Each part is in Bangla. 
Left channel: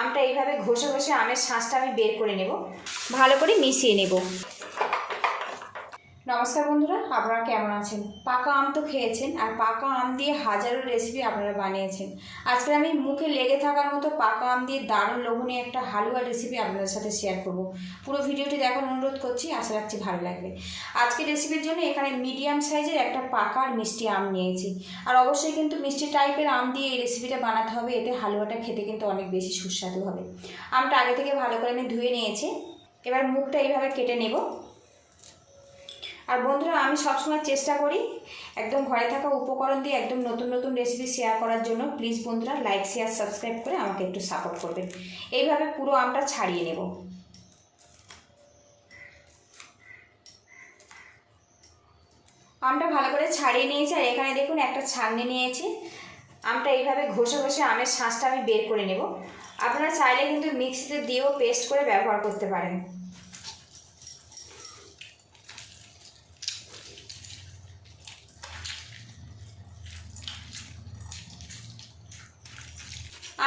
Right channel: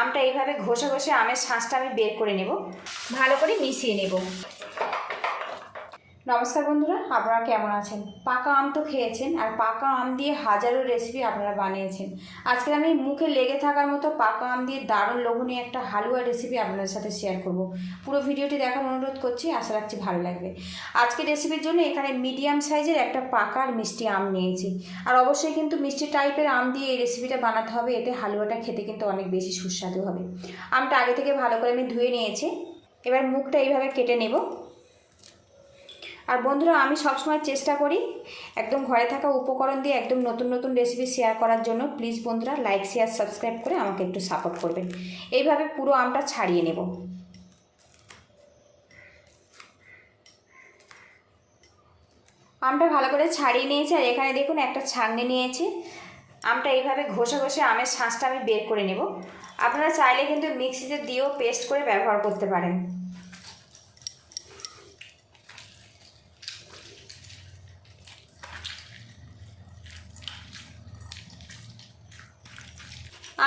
আমটা এইভাবে ঘষে ঘষে আমের শাঁসটা আমি বের করে নেব, ভালো করে মিশিয়ে নেব। নমস্কার বন্ধুরা, আপনারা কেমন আছেন? পাকা আম তো খেয়েছেন, আর পাকা আম দিয়ে হাজারো রেসিপি আপনারা বানিয়েছেন। আজকে আমি মুখে লেগে থাকার মতো পাকা আম দিয়ে দারুণ লোভনীয় একটা হালুয়া রেসিপি আপনাদের সাথে শেয়ার করব। পুরো ভিডিওটি দেখার অনুরোধ করছি, আশা রাখছি ভালো লাগবে। আজকে রেসিপির জন্য এখানে মিডিয়াম সাইজের একটা পাকা আর মিষ্টি আম নিয়েছি। আর অবশ্যই কিন্তু মিষ্টি টাইপের আম দিয়ে এই রেসিপিটা বানাতে হবে, এতে হালুয়াটা খেতে কিন্তু অনেক বেশি সুস্বাদু হবে। আমটা আগে থেকে ভালো করে আমি ধুয়ে নিয়েছি, এবার মুখটা এইভাবে কেটে নেব। আর বন্ধুরা, আমি সবসময় চেষ্টা করি একদম ঘরে থাকা উপকরণ দিয়ে একদম নতুন নতুন রেসিপি শেয়ার করার জন্য। প্লিজ বন্ধুরা, লাইক শেয়ার সাবস্ক্রাইব করে আমাকে একটু সাপোর্ট করবেন। এইভাবে পুরো আমটা ছাড়িয়ে নেব। আমটা ভালো করে ছাড়িয়ে নিয়েছি, আর এখানে দেখুন একটা ছাঁকনি নিয়েছি। আমটা এইভাবে ঘষে ঘষে আমের শাঁসটা আমি বের করে নেব। আপনারা চাইলে কিন্তু মিক্সিতে দিয়েও পেস্ট করে ব্যবহার করতে পারেন।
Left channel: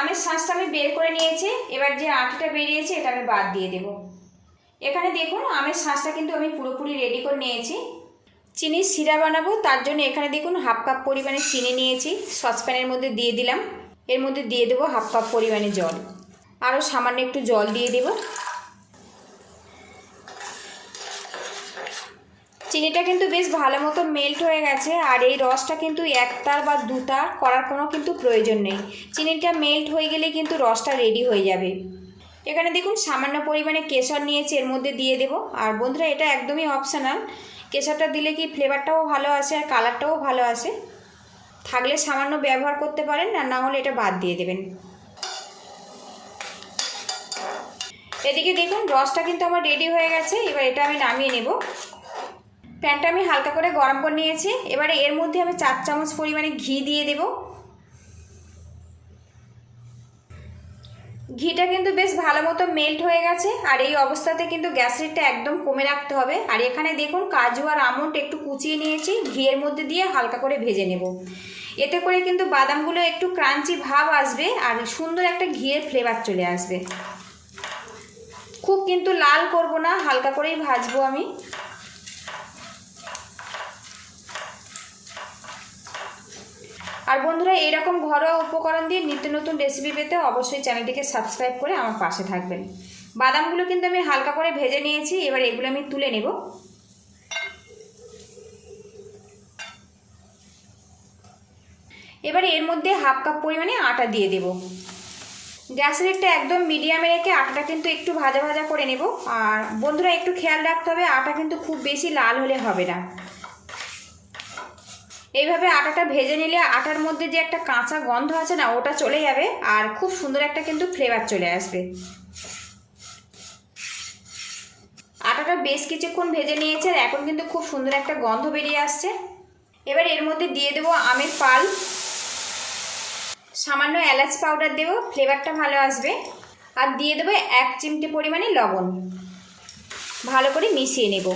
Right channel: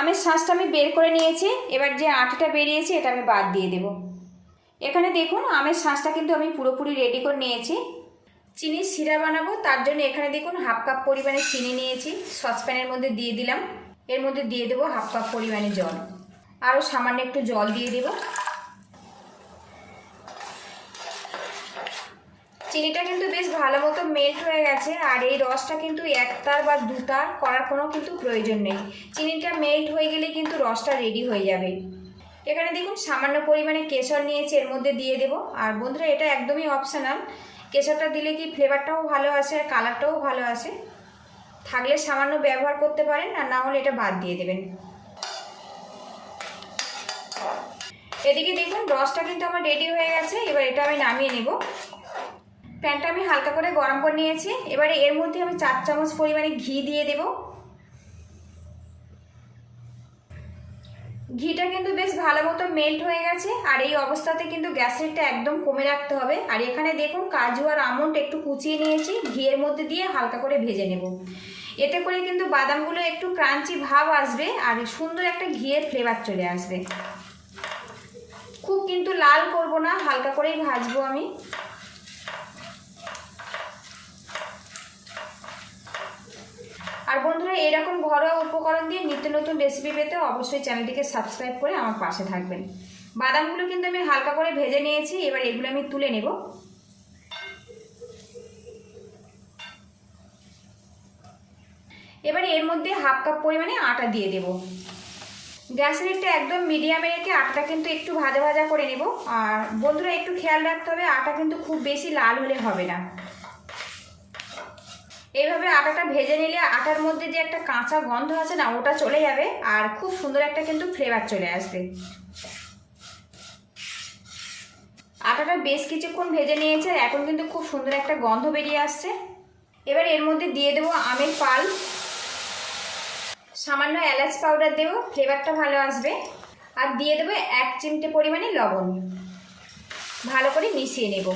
আমের শাঁসটা আমি বের করে নিয়েছি, এবার যে আটিটা বেরিয়েছে এটা আমি বাদ দিয়ে দেব। এখানে দেখুন আমের শাঁসটা কিন্তু আমি পুরোপুরি রেডি করে নিয়েছি। চিনির শিরা বানাবো, তার জন্য এখানে দেখুন হাফ কাপ পরিমাণে চিনি নিয়েছি, সসপ্যানের মধ্যে দিয়ে দিলাম। এর মধ্যে দিয়ে দেবো হাফ কাপ পরিমাণে জল, আরও সামান্য একটু জল দিয়ে দেব। চিনিটা কিন্তু বেশ ভালো মতো মেল্ট হয়ে গেছে, আর এই রসটা কিন্তু একতার বা দুতার করার কোনো কিন্তু প্রয়োজন নেই। চিনিটা মেল্ট হয়ে গেলে কিন্তু রসটা রেডি হয়ে যাবে। এখানে দেখুন সামান্য পরিমাণে কেশর নিয়েছি, এর মধ্যে দিয়ে দেব। আর বন্ধুরা, এটা একদমই অপশনাল, কেশরটা দিলে কি ফ্লেভারটাও ভালো আসে আর কালারটাও ভালো আসে। থাকলে সামান্য ব্যবহার করতে পারেন, আর না হলে এটা বাদ দিয়ে দেবেন। এদিকে দেখুন রসটা কিন্তু আমার রেডি হয়ে গেছে, এবার এটা আমি নামিয়ে নেব। প্যানটা আমি হালকা করে গরম করে নিয়েছি, এবারে এর মধ্যে আমি 4 চামচ পরিমাণে ঘি দিয়ে দেব। ঘিটা কিন্তু বেশ ভালো মতো মেল্ট হয়ে গেছে, আর এই অবস্থাতে কিন্তু গ্যাস রেটটা একদম কমে রাখতে হবে। আর এখানে দেখুন কাজু আর আমন্ড একটু কুচিয়ে নিয়েছি, ঘিয়ের মধ্যে দিয়ে হালকা করে ভেজে নেব। এতে করে কিন্তু বাদামগুলো একটু ক্রাঞ্চি ভাব আসবে, আর সুন্দর একটা ঘিয়ের ফ্লেভার চলে আসবে। খুব কিন্তু লাল করব না, হালকা করেই ভাজবো আমি। আর বন্ধুরা, এরকম ঘরোয়া উপকরণ দিয়ে নিত্য নতুন রেসিপি পেতে অবশ্যই চ্যানেলটিকে সাবস্ক্রাইব করে আমার পাশে থাকবেন। বাদামগুলো কিন্তু আমি হালকা করে ভেজে নিয়েছি, এবার এগুলো আমি তুলে নেব। এবার এর মধ্যে হাফ কাপ পরিমাণে আটা দিয়ে দেব। গ্যাসের একটা একদম মিডিয়ামে রেখে আটাটা কিন্তু একটু ভাজা ভাজা করে নেব। আর বন্ধুরা, একটু খেয়াল রাখতে হবে আটা কিন্তু খুব বেশি লাল হলে হবে না। এইভাবে আটাটা ভেজে নিলে আটার মধ্যে যে একটা কাঁচা গন্ধ আছে না, ওটা চলে যাবে, আর খুব সুন্দর একটা কিন্তু ফ্লেভার চলে আসবে। আটাটা বেশ কিছুক্ষণ ভেজে নিয়েছে, এখন কিন্তু খুব সুন্দর একটা গন্ধ বেরিয়ে আসছে। এবার এর মধ্যে দিয়ে দেবো আমের পাল, সামান্য এলাচ পাউডার দেবো, ফ্লেভারটা ভালো আসবে। আর দিয়ে দেবো 1 চিমটি পরিমাণে লবণ। ভালো করে মিশিয়ে নেব।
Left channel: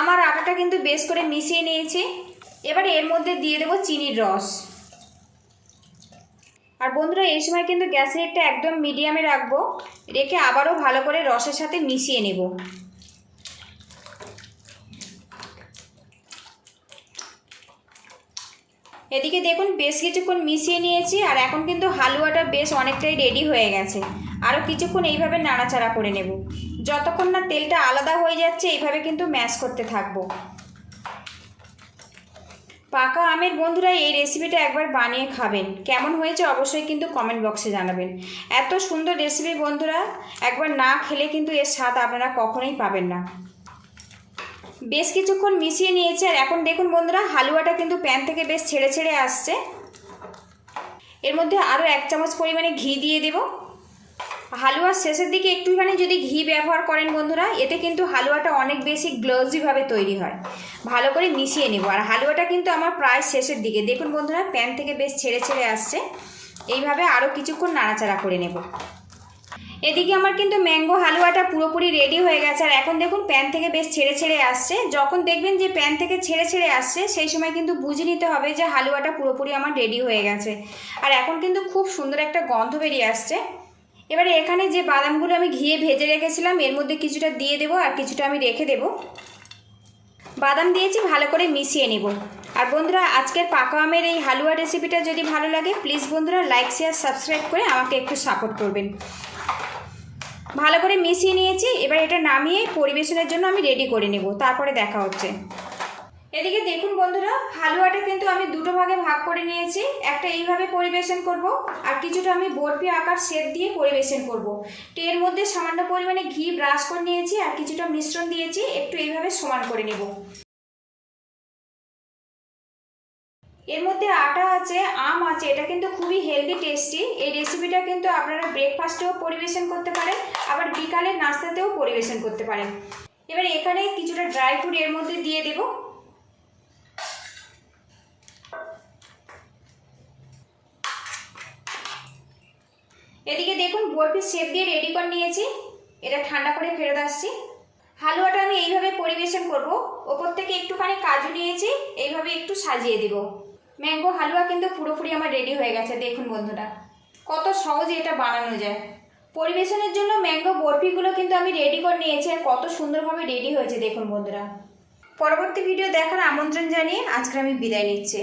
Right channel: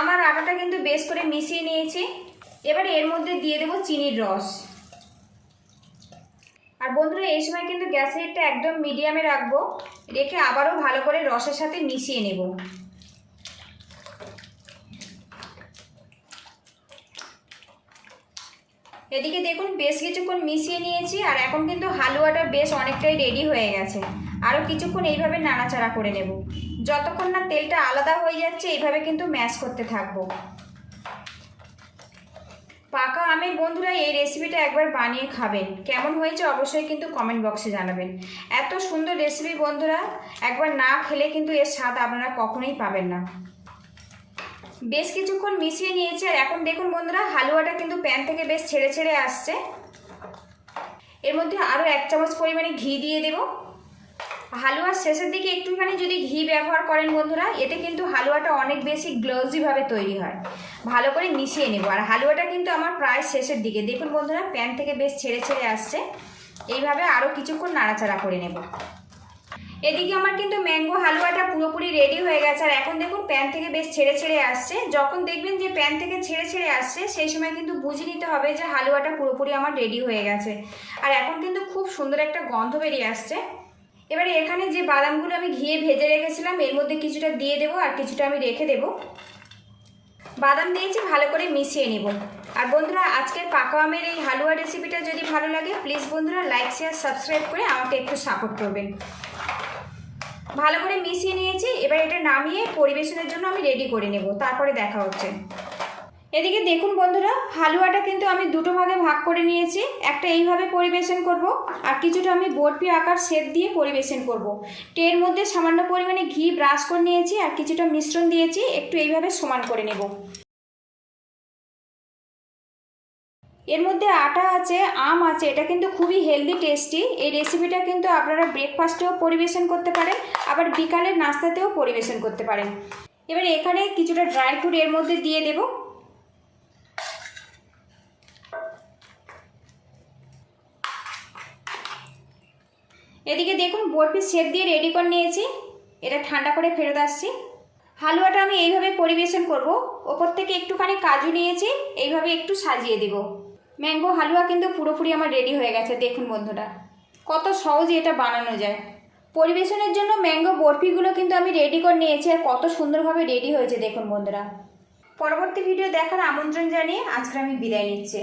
আমার আটাটা কিন্তু বেশ করে মিশিয়ে নিয়েছি, এবারে এর মধ্যে দিয়ে দেবো চিনির রস। আর বন্ধুরা, এই সময় কিন্তু গ্যাসের রেটটা একদম মিডিয়ামে রাখবো, রেখে আবারও ভালো করে রসের সাথে মিশিয়ে নেব। এদিকে দেখুন বেশ কিছুক্ষণ মিশিয়ে নিয়েছি, আর এখন কিন্তু হালুয়াটা বেশ অনেকটাই রেডি হয়ে গেছে। আরও কিছুক্ষণ এইভাবে নাড়াচাড়া করে নেব, যতক্ষণ না তেলটা আলাদা হয়ে যাচ্ছে এইভাবে কিন্তু ম্যাশ করতে থাকবো। পাকা আমের বন্ধুরা, এই রেসিপিটা একবার বানিয়ে খাবেন, কেমন হয়েছে অবশ্যই কিন্তু কমেন্ট বক্সে জানাবেন। এত সুন্দর রেসিপি বন্ধুরা, একবার না খেলে কিন্তু এর স্বাদ আপনারা কখনোই পাবেন না। বেশ কিছুক্ষণ মিশিয়ে নিয়েছে, আর এখন দেখুন বন্ধুরা, হালুয়াটা কিন্তু প্যান থেকে বেশ ছেড়ে ছেড়ে আসছে। এর মধ্যে আরও 1 চামচ পরিমাণে ঘি দিয়ে দেব। হালুয়ার শেষের দিকে একটুখানি যদি ঘি ব্যবহার করেন বন্ধুরা, এতে কিন্তু হালুয়াটা অনেক বেশি গ্লোজিভাবে তৈরি হয়। ভালো করে মিশিয়ে নেব। আর হালুয়াটা কিন্তু আমার প্রায় শেষের দিকে, দেখুন বন্ধুরা প্যান থেকে বেশ ছেড়ে ছেড়ে আসছে। এইভাবে আরও কিছুক্ষণ নাড়াচাড়া করে নেব। এদিকে আমার কিন্তু ম্যাঙ্গো হালুয়াটা পুরোপুরি রেডি হয়ে গেছে। আর এখন দেখুন প্যান থেকে বেশ ছেড়ে ছেড়ে আসছে। যখন দেখবেন যে প্যান থেকে ছেড়ে ছেড়ে আসছে সেই সময় কিন্তু বুঝে নিতে হবে যে হালুয়াটা পুরোপুরি আমার রেডি হয়ে গেছে। আর এখন কিন্তু খুব সুন্দর একটা গন্ধ বেরিয়ে আসছে। এবারে এখানে যে বাদামগুলো আমি ঘিয়ে ভেজে রেখেছিলাম এর মধ্যে কিছুটা দিয়ে দেবো আর কিছুটা আমি রেখে দেবো। বাদাম দিয়েছি, ভালো করে মিশিয়ে নিব। আর বন্ধুরা, আজকের পাকা আমের এই হালুয়া রেসিপিটা যদি ভালো লাগে প্লিজ বন্ধুরা লাইক শেয়ার সাবস্ক্রাইব করে আমাকে একটু সাপোর্ট করবেন। ভালো করে মিশিয়ে নিয়েছি, এবার এটা নামিয়ে পরিবেশনের জন্য আমি রেডি করে নেব, তারপরে দেখা হচ্ছে। এদিকে দেখুন বন্ধুরা, হালুয়াটা কিন্তু আমি দুটো ভাগে ভাগ করে নিয়েছি। একটা এইভাবে পরিবেশন করব আর কিছুটা আমি বরফি আকার শেপ দিয়ে পরিবেশন করব। এর মধ্যে সামান্য পরিমাণে ঘি ব্রাশ করে নিয়েছি আর কিছুটা মিশ্রণ দিয়েছি, একটু এইভাবে সমান করে নেব। এর মধ্যে আটা আছে, আম আছে, এটা কিন্তু খুবই হেলদি টেস্টি। এই রেসিপিটা কিন্তু আপনারা ব্রেকফাস্টেও পরিবেশন করতে পারেন, আবার বিকালের নাস্তাতেও পরিবেশন করতে পারেন। এবার এখানে কিছুটা ড্রাই ফ্রুট এর মধ্যে দিয়ে দেব। এদিকে দেখুন বরফি শেপ দিয়ে রেডি করে নিয়েছি, এটা ঠান্ডা করে ফেরত আসছি। হালুয়াটা আমি এইভাবে পরিবেশন করব। ওপর থেকে একটুখানি কাজু নিয়েছি, এইভাবে একটু সাজিয়ে দিব। ম্যাঙ্গো হালুয়া কিন্তু পুরোপুরি আমার রেডি হয়ে গেছে। দেখুন বন্ধুরা, কত সহজে এটা বানানো যায়। পরিবেশনের জন্য ম্যাঙ্গো বরফিগুলো কিন্তু আমি রেডি করে নিয়েছি আর কত সুন্দরভাবে রেডি হয়েছে দেখুন বন্ধুরা। পরবর্তী ভিডিও দেখার আমন্ত্রণ জানিয়ে আজকে আমি বিদায় নিচ্ছি।